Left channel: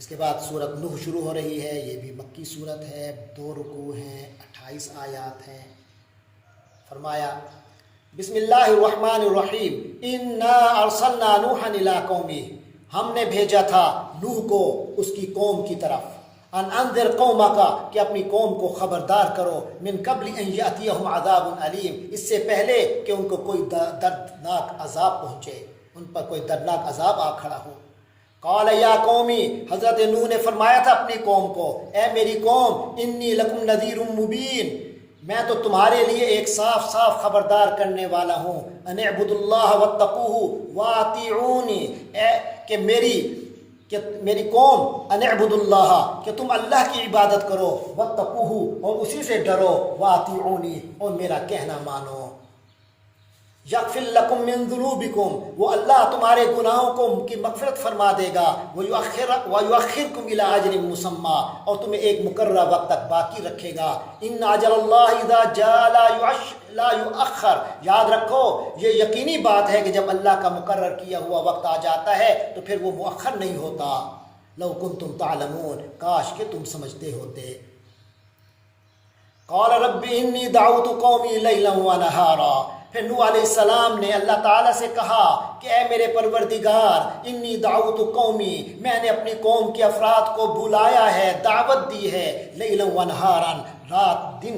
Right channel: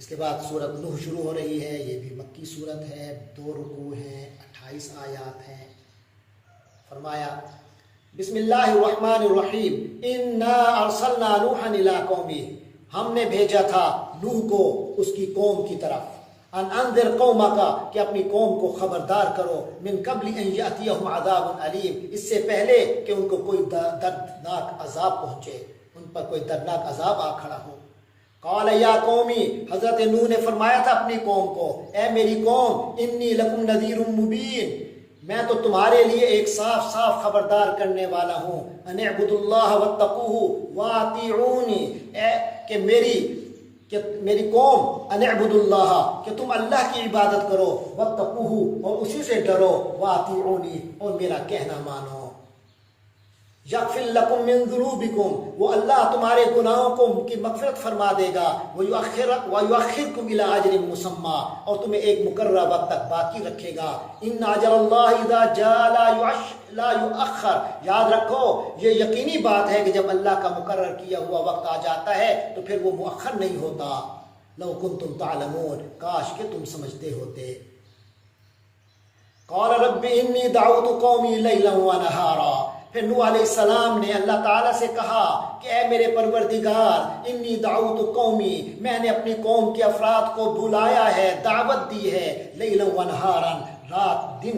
اس کے بعد سورت نوح شروع ہو رہی ہے. یہ بھی مکی صورت ہے، 2 رکوع ہیں، 28 آیات ہیں. فرمایا بسم اللہ الرحمن الرحیم انا ارسلنا نوحا الی قومہ، ہم نے بھیجا تھا نوح کو اس کی قوم کی طرف. ان انذر قومک، کہ اپنی قوم کو خبردار کرو. من قبل ان یاتیہم عذاب علیم، اس سے پہلے کہ ان کو کوئی دردناک عذاب پہنچے، ان پر کوئی دردناک عذاب آ کھڑا ہو. قال یا قومی، حضرت نوح نے فرمایا تھا اپنی قوم کو، اے میری قوم، انی لکم نذیر مبین، میں تو تمہارے لیے ایک صاف صاف خبردار کرنے والا ہوں. ان اعبدوا اللہ واتقوہ واطیعونی، کہ میری قوم، ان اعبدوا اللہ، کہ تم اللہ کی عبادت کرو، واتقوہ، اور اسی سے ڈرو، واطیعونی، اور میرا کہنا مانو. یغفر لکم من ذنوبکم، وہ اللہ تمہارے گناہوں کو کی مغفرت فرما دے گا. ویؤخرکم الی اجل مسمی، اور تمہیں ایک مقررہ وقت تک باقی رکھے گا. ان اجل اللہ اذا جاء لا یؤخر، یاد رکھو یہ یقینی بات ہے کہ جب اللہ کا مقرر کیا ہوا وقت آ جاتا ہے تو پھر وہ مؤخر نہیں ہوتا. لو کنتم تعلمون، کاش کہ تم سمجھتے ہوتے. قال رب انی دعوت قومی لیلا ونہارا، پھر نوح علیہ السلام نے اللہ تعالیٰ سے کہا کہ اے میرے پروردگار، انی دعوت قومی، میں نے اپنی قوم کے افراد کو بلایا ہے، دعوت دی ہے، لیلا ونہارا، رات دن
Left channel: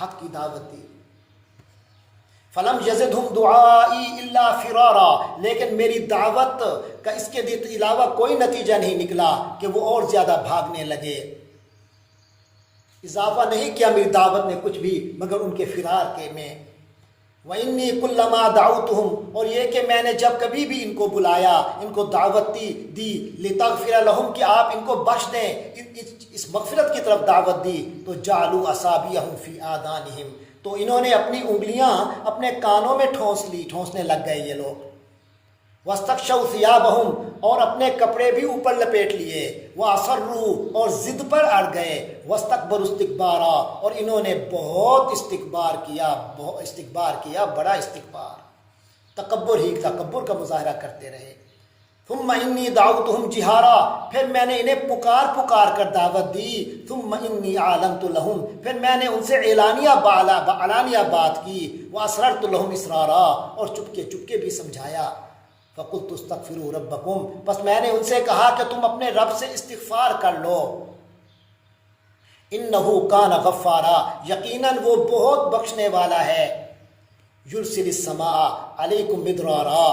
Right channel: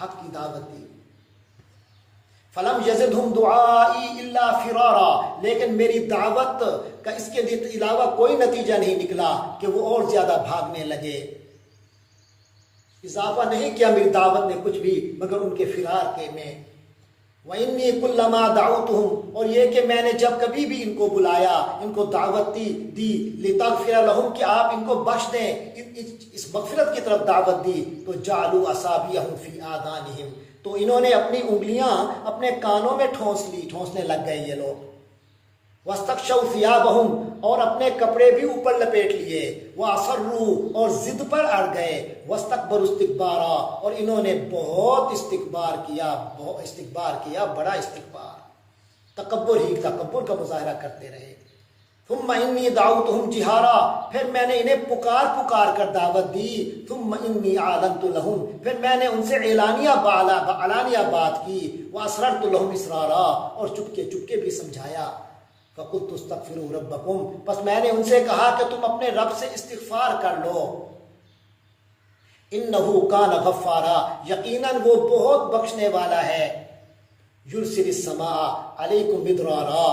حق کی دعوت دی. فلم یزدہم دعائی الا فرارا، لیکن میری دعوت کا اس کے علاوہ کوئی نتیجہ نہیں نکلا کہ وہ اور زیادہ بھاگنے لگے. اضافہ نہیں کیا میری دعوت نے کچھ بھی مگر ان کے فرار کے میں. وَإِنِّي كُلَّمَا دَعَوْتُهُمْ، اور یہ کہ میں نے جب کبھی بھی ان کو بلایا، ان کو دعوت دی لِتَغْفِرَ لَهُمْ، کہ آپ ان کو بخش دیں، اس مغفرت کی طرف دعوت دی، تو جَعَلُوا أَصَابِعَهُمْ فِي آذَانِهِمْ، تو انہوں نے اپنی انگلیاں اپنے کانوں میں ٹھونسنے لگ گئے یہ لوگ. وَاسْتَغْشَوْا ثِيَابَهُمْ، اور اپنے کپڑے بھی اوپر لپیٹ لیے. وَأَصَرُّوا، اور ضد پر اڑ گئے. وَاسْتَكْبَرُوا اسْتِكْبَارًا، اور انہوں نے بہت استکبار کیا، بڑا استکبار، تکبر کا مظاہرہ کرتے رہے. ثُمَّ إِنِّي دَعَوْتُهُمْ جِهَارًا، پھر میں نے انہیں پکار کر دعوت دی. ثُمَّ إِنِّي أَعْلَنْتُ لَهُمْ، پھر میں نے ان سے علانیہ بات کی. وَأَسْرَرْتُ لَهُمْ إِسْرَارًا، اور چپکے بھی سمجھایا. فَقُلْتُ اسْتَغْفِرُوا رَبَّكُمْ، پس میں نے ان سے کہا کہ تم اپنے رب سے استغفار کر لو. إِنَّهُ كَانَ غَفَّارًا، یقیناً وہ بہت بخشنے والا ہے. يُرْسِلِ السَّمَاءَ عَلَيْكُمْ مِدْرَارًا،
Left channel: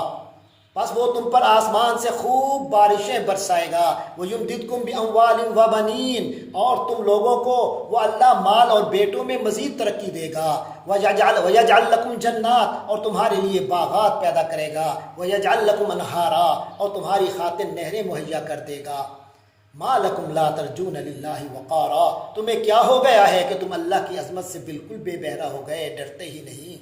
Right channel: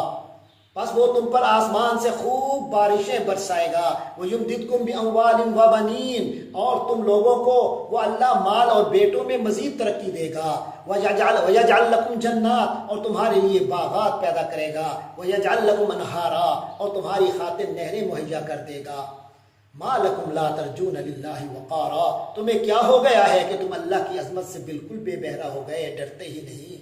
پس وہ تم پر آسمان سے خوب بارشیں برسائے گا. وَيُمْدِدْكُمْ بِأَمْوَالٍ وَبَنِينَ، اور تم لوگوں کو وہ اللہ مال اور بیٹوں میں مزید ترقی دے گا. وَيَجْعَلْ لَكُمْ جَنَّاتٍ، اور تمہارے لیے باغات پیدا کرے گا. وَيَجْعَلْ لَكُمْ أَنْهَارًا، اور تمہاری خاطر نہریں مہیا کر دے گا. مَا لَكُمْ لَا تَرْجُونَ لِلَّهِ وَقَارًا، تمہیں کیا ہو گیا ہے کہ تم اللہ کی عظمت سے بالکل بے بہرا ہو گئے، ڈرتے ہی نہیں.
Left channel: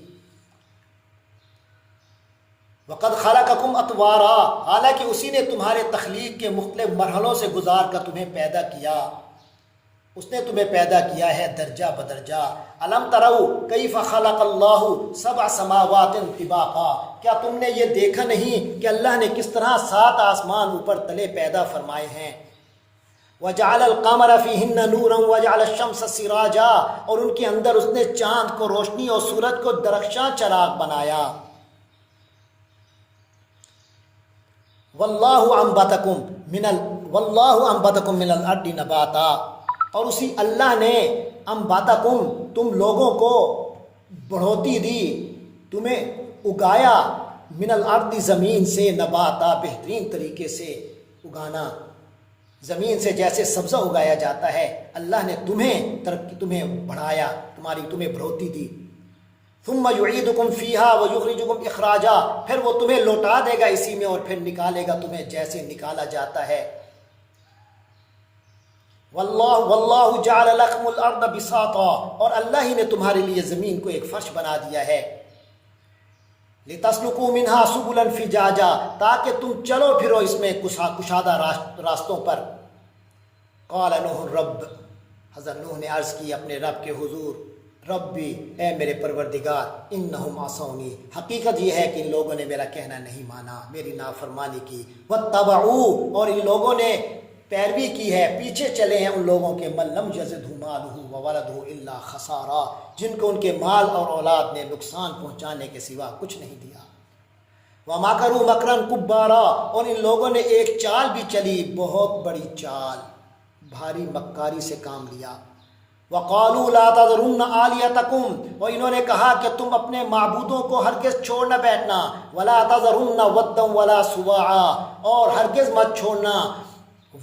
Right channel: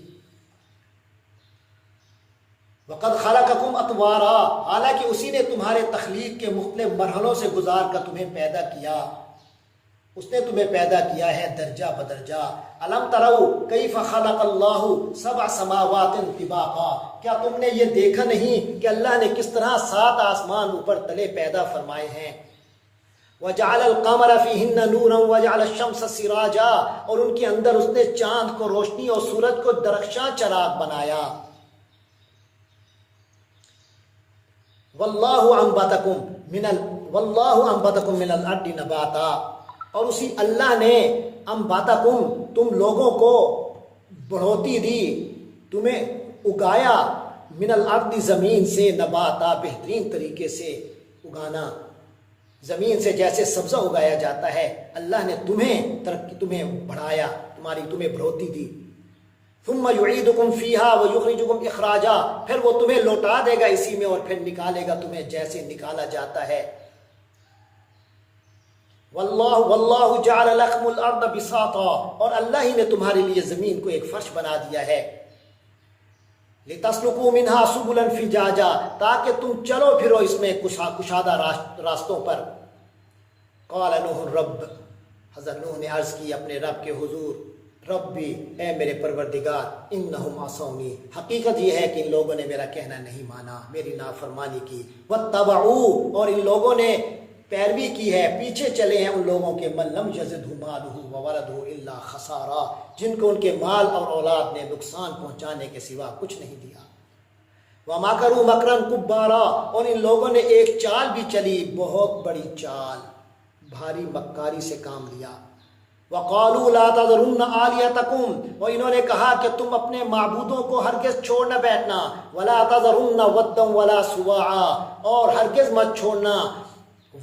وَقَدْ خَلَقَكُمْ أَطْوَارًا، حالانکہ اسی نے تمہارے تخلیق کے مختلف مرحلوں سے گزار کر تمہیں پیدا کیا. اس نے تمہیں پیدا کیا ہے درجہ بدرجہ. أَلَمْ تَرَوْا كَيْفَ خَلَقَ اللَّهُ سَبْعَ سَمَاوَاتٍ طِبَاقًا، کیا تم نے یہ دیکھا نہیں کہ اللہ نے کس طرح 7 آسمان اوپر تلے پیدا فرمائے ہیں. وَجَعَلَ الْقَمَرَ فِيهِنَّ نُورًا وَجَعَلَ الشَّمْسَ سِرَاجًا، اور ان کے اندر اس نے چاند کو روشنی اور سورج کو درخشاں چراغ بنایا. وَاللَّهُ أَنبَتَكُم مِّنَ الْأَرْضِ نَبَاتًا، اور اسی اللہ نے انبتکم، تم لوگوں کو بڑھوتی دی، تمہیں اگایا، من الارض، زمین سے، نباتا، بہترین طریقے سے اگانا. زمین سے جیسے سبزہ اگایا جاتا ہے، اللہ نے تمہیں بڑھایا، تمہیں بڑھوتی دی. ثم يعيدكم فيها ويخرجكم اخراجا، پھر وہ تمہیں لوٹا دے گا اسی میں اور پھر نکالے گا تمہیں جیسے نکالا جاتا ہے. واللہ جعل لكم الارض بساطا، اور اللہ ہی نے تمہارے لیے زمین کو ایک فرش بنا دیا ہے. لتسلكوا منها سبلا فجاجا، تاکہ تم چلو پھرو اس میں کشادہ راستوں پر. قال نوح رب، حضرت نوح نے عرض کی اپنے رب کے حضور، ربی، اے میرے پروردگار، انہم عصونی، حقیقت یہ ہے کہ ان لوگوں نے میرا کہنا نہیں مانا، میری نافرمانی کی. واتبعوا، اور ان لوگوں نے پیروی کی ہے، پیچھے چلے ہیں ان لوگوں کے من لم یزدہ مالہ وولدہ الا خسارا، جن کو ان کے مال اور اولاد نے نقصان پہنچانے کے سوا کچھ نہیں دیا۔ وَمَكَرُوا مَكْرًا كُبَّارًا، اور ان لوگوں نے ایک چال بھی چلی، بہت بڑی چال، بھاری مکاری سے کام لیا۔ وَقَالُوا لَا تَذَرُنَّ آلِهَتَكُمْ، اور انہوں نے کہا کہ تم اپنے معبودوں کو ہرگز چھوڑ نہ بیٹھنا، وَلَا تَذَرُنَّ وَدًّا وَلَا سُوَاعًا، اور ہرگز مت چھوڑنا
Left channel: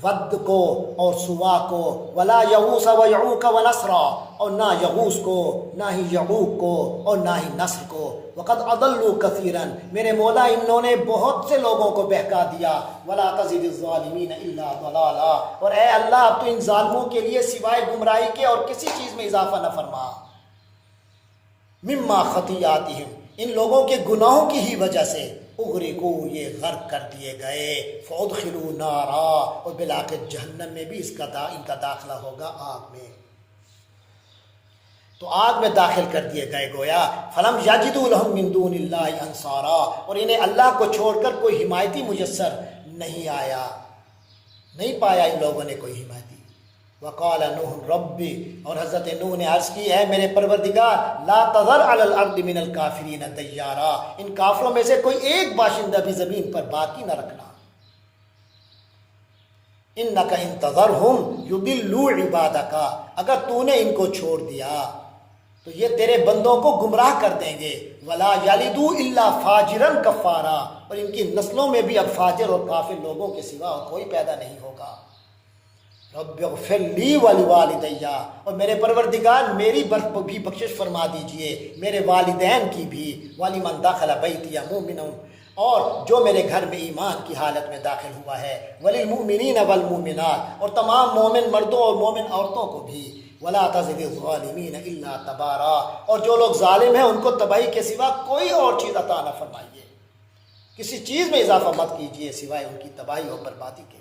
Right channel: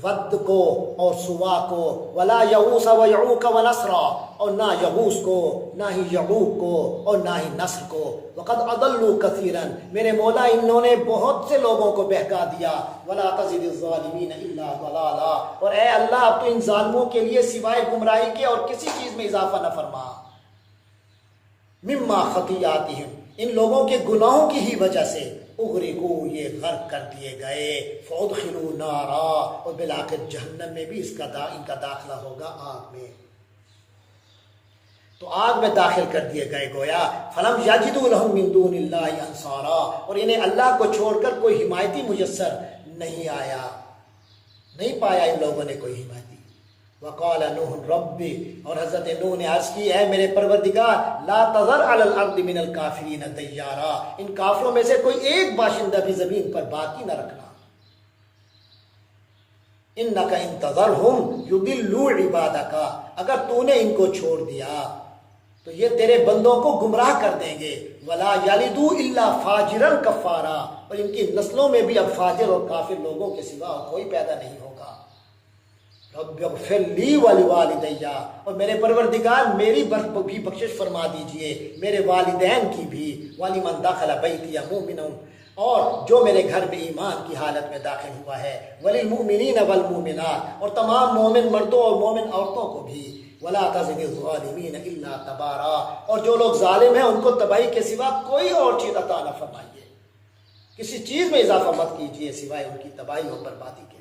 ود کو اور سوا کو، ولا یغوث ویعوق ونسرا، اور نہ یغوث کو، نہ ہی یعوق کو، اور نہ ہی نصر کو۔ وقد اضلوا کثیرا، میرے مولا انہوں نے بہت سے لوگوں کو بہکا دیا۔ ولا تزد الظالمین الا ضلالا، اور اے اللہ اب تو ان ظالموں کے لیے سوائے گمراہی کے اور کسی چیز میں اضافہ نہ فرما۔ مما خطیاتہم، ان لوگوں کے گناہوں کی ہی وجہ سے، اغرقوا، یہ غرق کر دیے گئے، فادخلوا نارا، اور بالآخر جہنم میں بھی ان کا داخلہ ہوگا، آگ میں، تو آگ میں داخل کر دیے گئے گویا۔ فلم یجدوا لهم من دون اللہ انصارا، اور انہیں اللہ کو چھوڑ کر کوئی حمایتی میسر نہیں آیا، نہیں پایا ان لوگوں نے کوئی حمایتی۔ وقال نوح رب، اور حضرت نوح نے عرض کی اے میرے پروردگار، لا تذر علی الارض من الکافرین دیارا، ان کافروں میں سے کوئی ایک باشندہ بھی زمین پر باقی نہ رکھنا۔ انک ان تذرہم یضلوا عبادک، اگر تو نے ان کو چھوڑ دیا تو یہ تیرے بندوں کو گمراہ کر دیں گے۔ ولا یلدوا الا فاجرا کفارا، اور ان کی نسلوں میں بھی اب فاجر اور کافر لوگوں کے سوا کوئی پیدا نہیں ہوگا۔ رب اغفر لی ولوالدی، اور میرے پروردگار میری بھی بخشش فرما دیجئے، میرے والدین کی بھی، ولمن دخل بیتی مؤمنا، اور جو میرے گھر میں ایمان کی حالت میں داخل ہوا ہے، وللمؤمنین والمؤمنات، اور تمام مومن مردوں اور مومن عورتوں کو بھی، ولا تزد الظالمین الا تبارا، اور جو لوگ ظالم ہیں ان کو تباہی کے سوا کوئی اور چیز عطا نہ فرمائیے، کسی چیز میں اضافہ مت کیجیے سوائے ان کی تباہی اور بربادی کے۔